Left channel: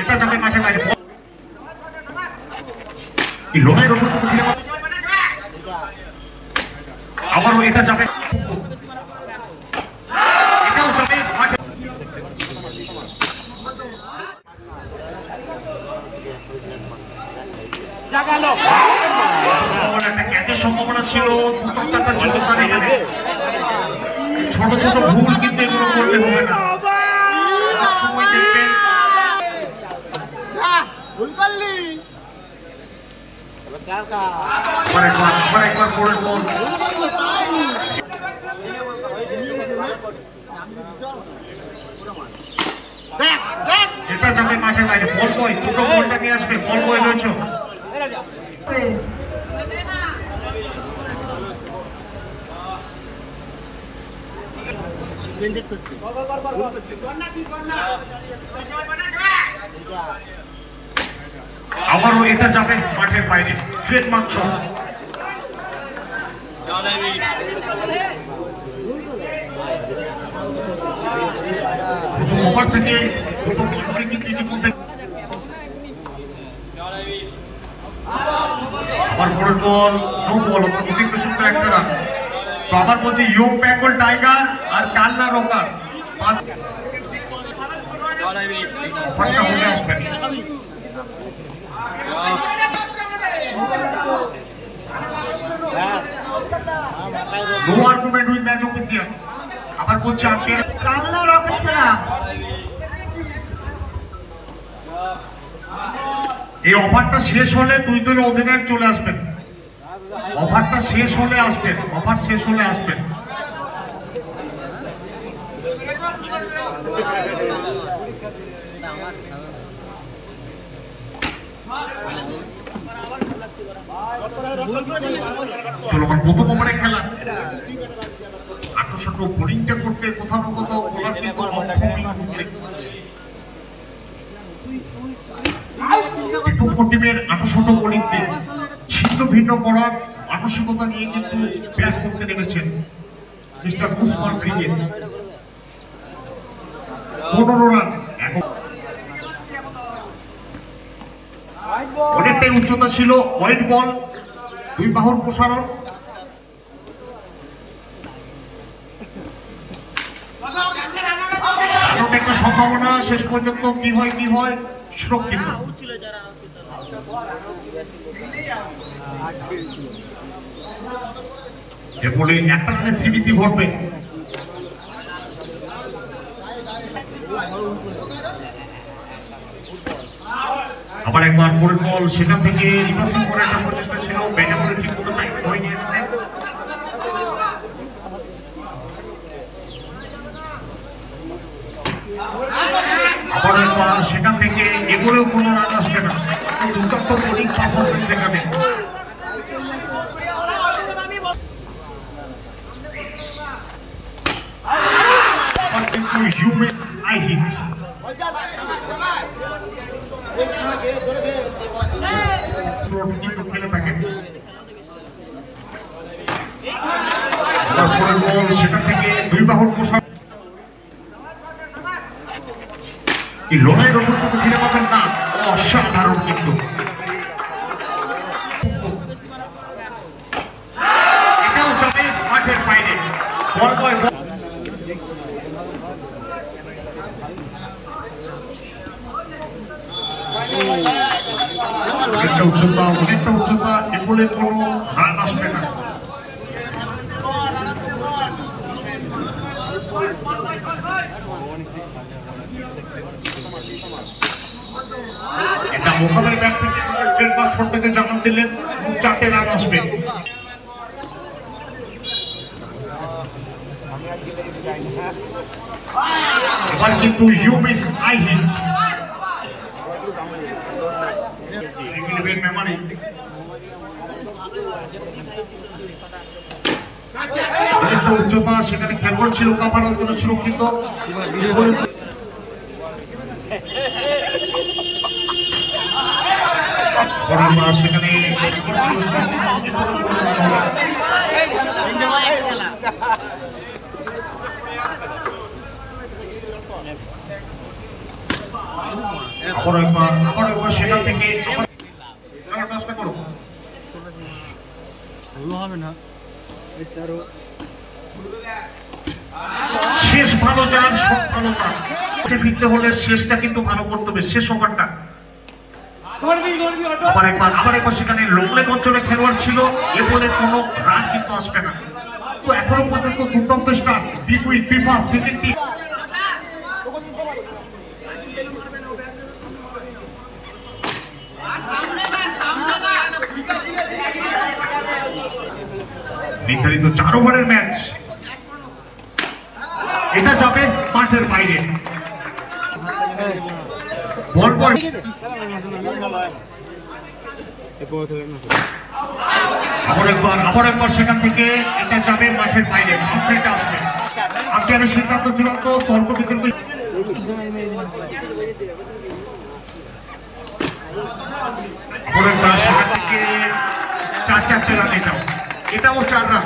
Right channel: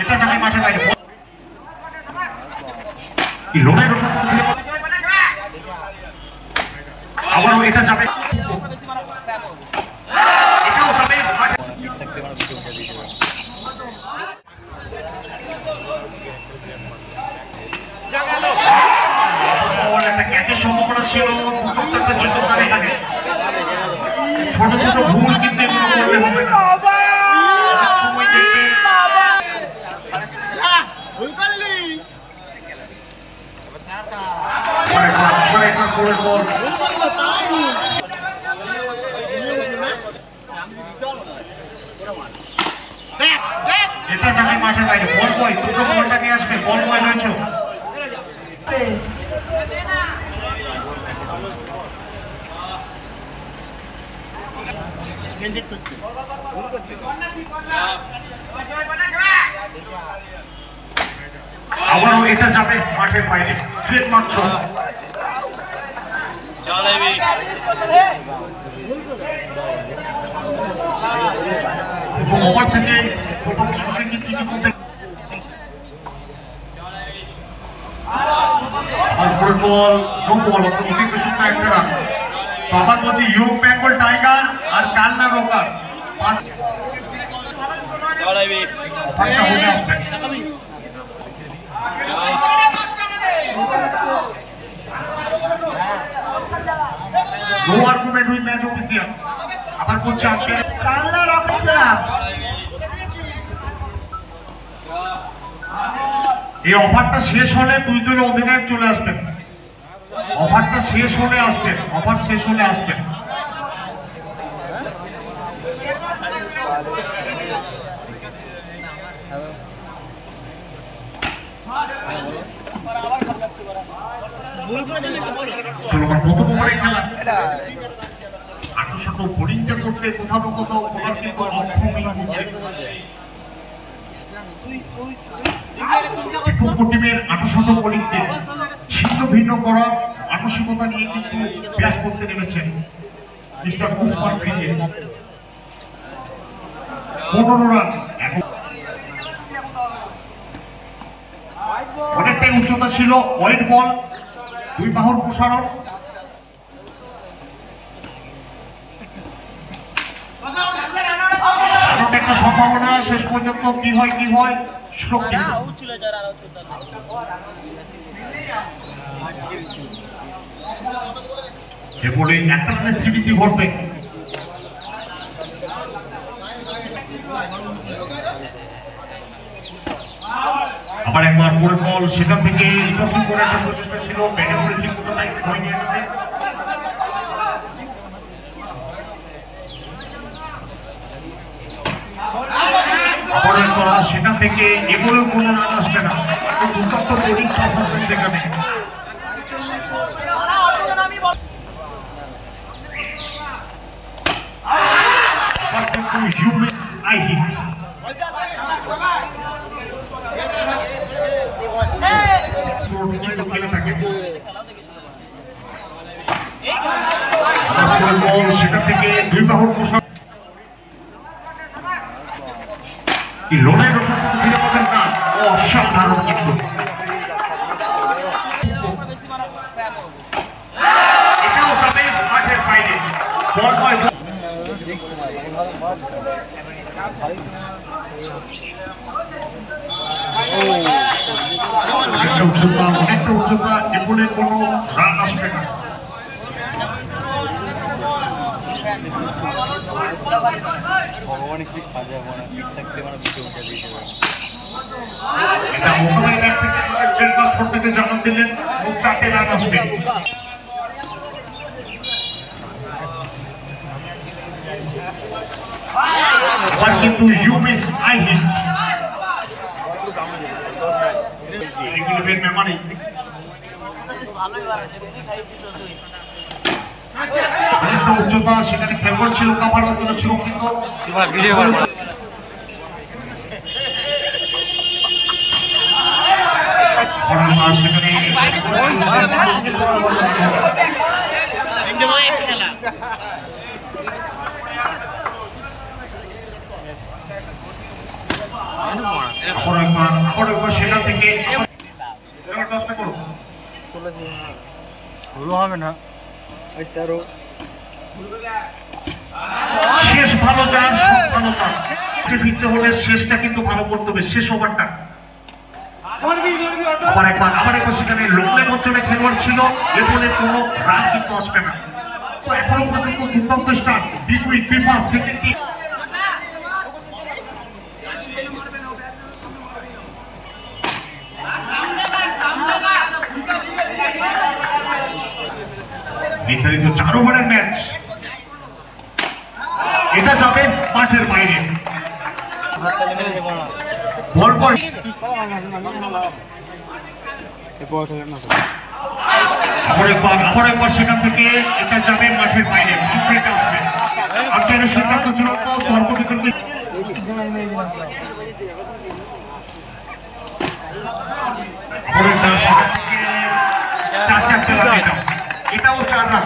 এটা যাবে মাঠের বাইরে আবারও এটা যাবে এটাও যাবে মাঠে একটা ক্যাচের সম্ভাবনা ছিল ছোট ছোট ভুল কিন্তু এটা যাবে মাঠের বাইরে বল বয় দুটো বলটাকে আসবে বল বয় রয়েছে আবারও এটা যাবে মাঠের বাইরে ট্রেডমার্ক সহ ওভার থেকে আবার বলছি ইউ বেঙ্গল টাইগার আর কালনা রোকার no argument with match official আবার বলছি কালনা রোকার এই অফারটা শেষ হলে দুই দলের অধিনায়ক চলে আসবেন অফারটা শেষ হলে আসবেন অফার শেষ হলে আসবেন প্রথম ওভারে খেলা ৮০০ বোলিংটা করতে কোথাও কোথাও ওনার কিন্তু অক্ষমই হচ্ছে টিমের ৮০০ বোলিংকে ছিন্ন ভিন্ন করার মানসিকতা নিয়ে কিন্তু ব্যাট করতে নেমেছেন মিস্টার কুমার ফ্রিজে ১৫ রান অনেকটাই উচ্চতা ছিল ওয়াইড বল দুই বাহুর প্রসারণ একটা সম্ভাবনা শেষ পর্যন্ত কি হয় সুরক্ষিত যে বলে একটা রানের স্মৃতি ঘটবে আবার একবার পরে বল সেখান থেকে রিভার্সিং করে একটা প্রচেষ্টা ছিল ব্যাটে করে ঠিক মতো টাইম হয়নি আবার একবার সেখান থেকে এগুলো কোনো রান আসবে না দুর্দান্ত বোলিং পারফরমেন্স দেখাবে সেখান থেকে দুই বাহুর পোশাক লোনের ওপর কোনো নিরাপত্তার না অসাধারণ কিন্তু এটাও যাবে মাঠের বাইরে বল বয় অনেকটা উচ্চতা এগুলো কোনো রান আসবে না এটা মোকাবেলা ব্যাট থেকে জানান দিলেন 4টে রান আসবে কিন্তু you miss I hit memory অনেকটা উচ্চতা সেখানে ফেভার ছিল কাভার করা সুরক্ষিত সেখানে আবার একবার সেখান থেকে কাজটা করো শুরু হবে না শেষ ভালো যান সব ভালো যান ফিরতে হলে শেষটা কিন্তু ভালো করতে হবে শেষ ওভারটা আবার একবার সেখানে লোকলের অঞ্চলে খেলোয়াড় ছিল এ বলে কোনো রান কিন্তু আসবে না তো এখনো পর্যন্ত দুর্দান্ত স্টার্ট বিগ উইথ বিফার ক্রিকেট নির্ধারিত 4 ওভারের ম্যাচ এটা যাবে মাঠের বাইরে বল বল আবার একবার সেখান থেকে এটা যাবে মাঠের বাইরে আসবে আম্পায়ারের সিদ্ধান্ত চূড়ান্ত তর্ক বিতর্ক এটাও 4 রান